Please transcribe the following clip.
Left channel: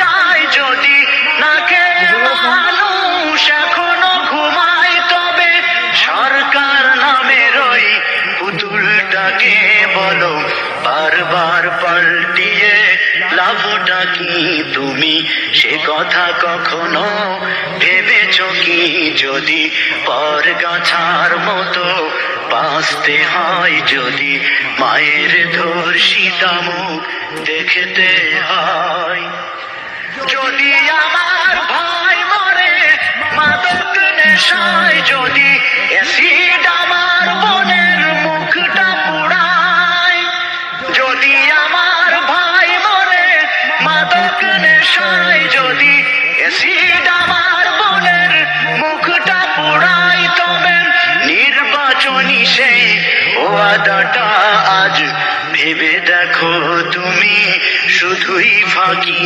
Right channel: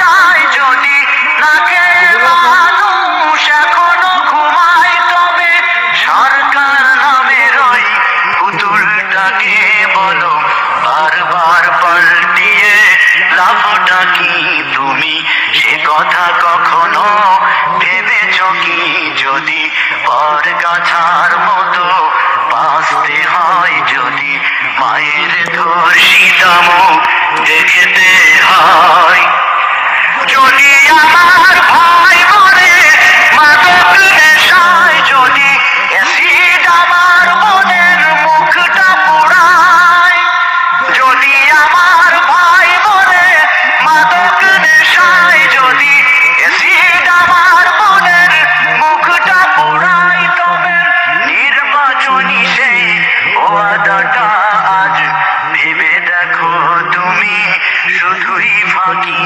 যায় যদি না খেয়ে মানুষ এখনো ঘুমায়, তবে সরকার নামের ওই পুতুলটাকে বলো বারবার পাল্টিয়ে লাভটা কি? তুমি সে কথা কখনো ভেবেছ কি? যদি পর গাছার মতো বাঁচতে হয়, যদি মায়ের ধর্ষিতা মুখ দেখতে হয়, যদি আমার ভাই মরে মাদক নেশায়, যদি অ্যাসিড আমার বোনের মুখটা পোড়ায়, যদি আমার ভাই মরে মাদক নেশায়, যদি অ্যাসিড আমার বোনের মুখটা পোড়ায়, তবে নির্বাচনী সেই ওয়াদাটা আজ ভেবে দেখো তুমি শুধুই ফাঁকি।